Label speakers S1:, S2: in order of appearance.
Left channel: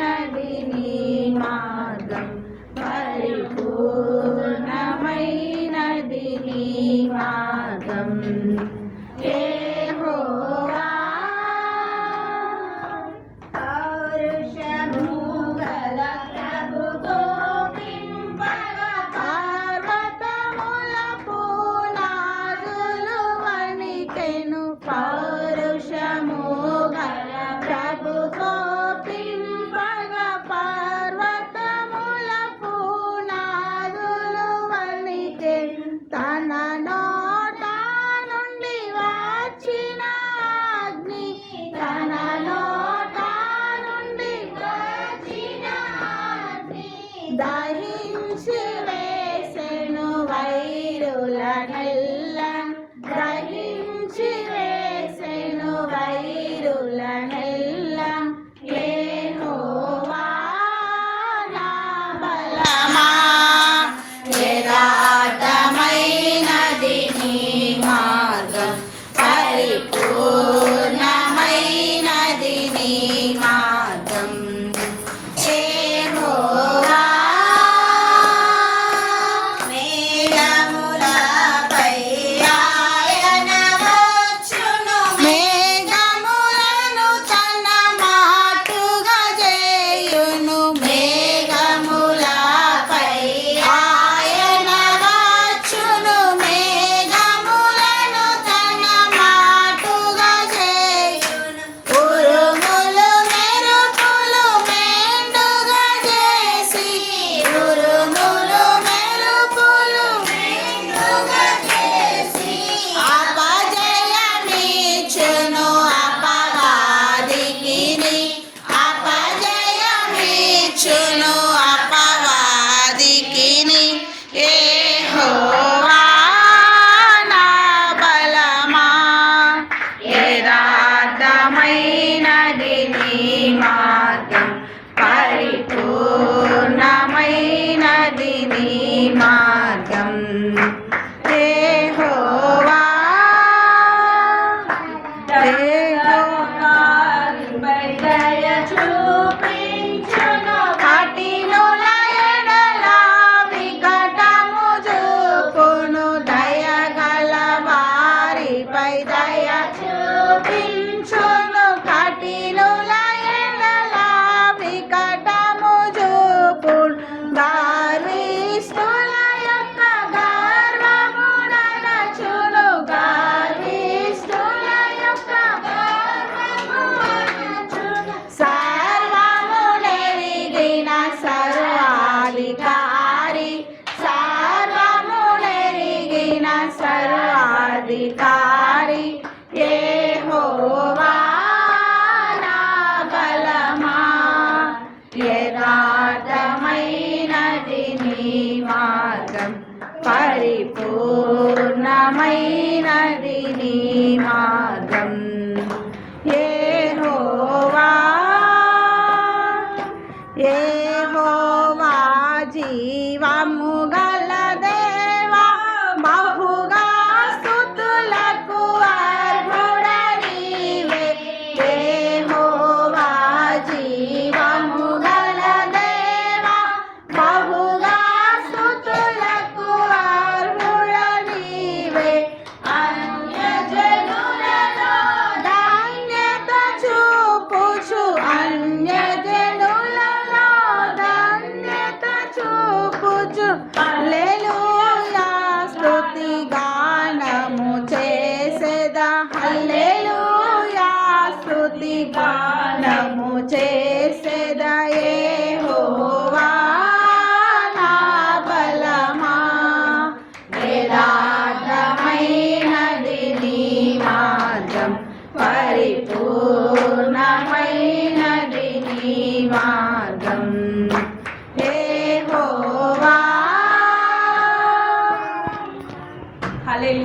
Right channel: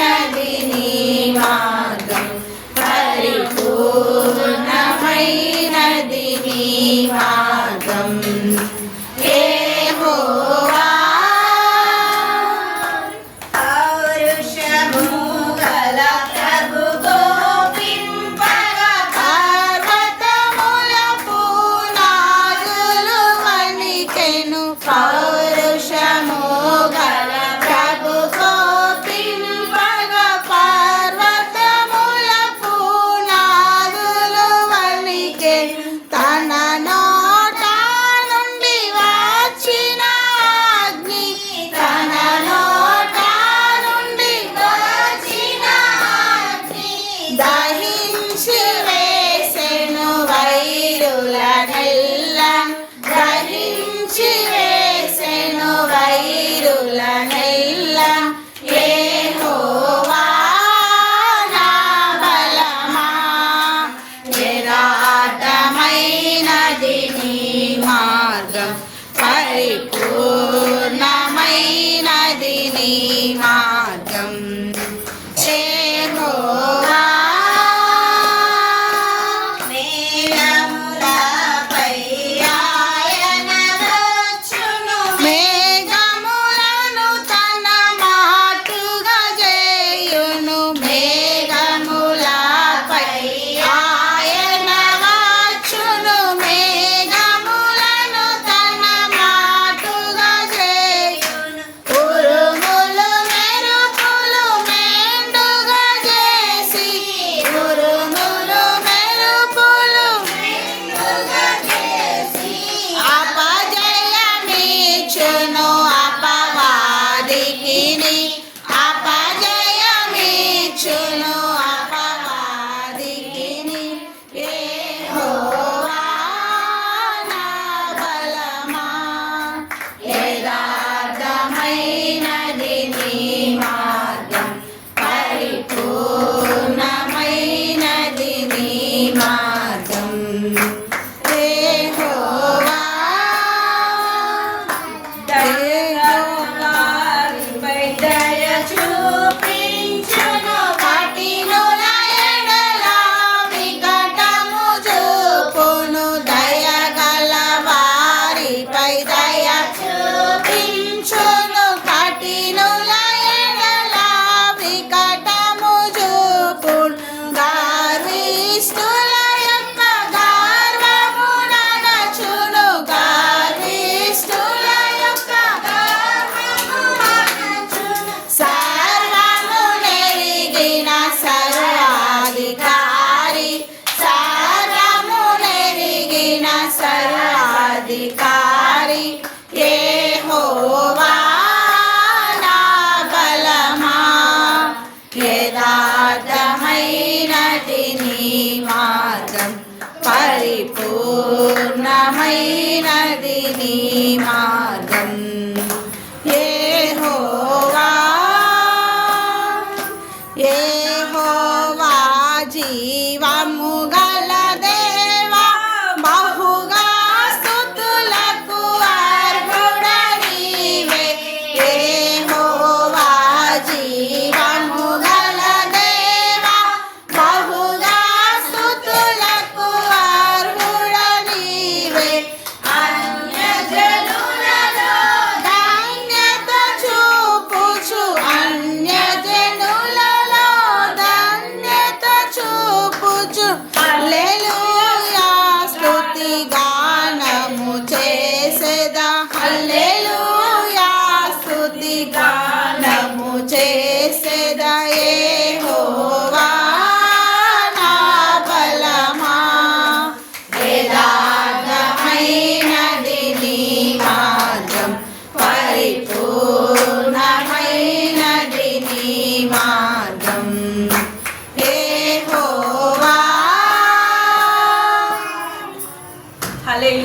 S1: Daddy. దహించి వేసెను వైరులనెల్ల దహించి వేసెను వైరులనెల్ల ఏ నిరాటమైనది నీ మార్గం. పరిపూ అధికారి హోవా కలమా యథార్థమైనది నీ మార్గం పరిపూర్ణమైనది నీ మార్గం.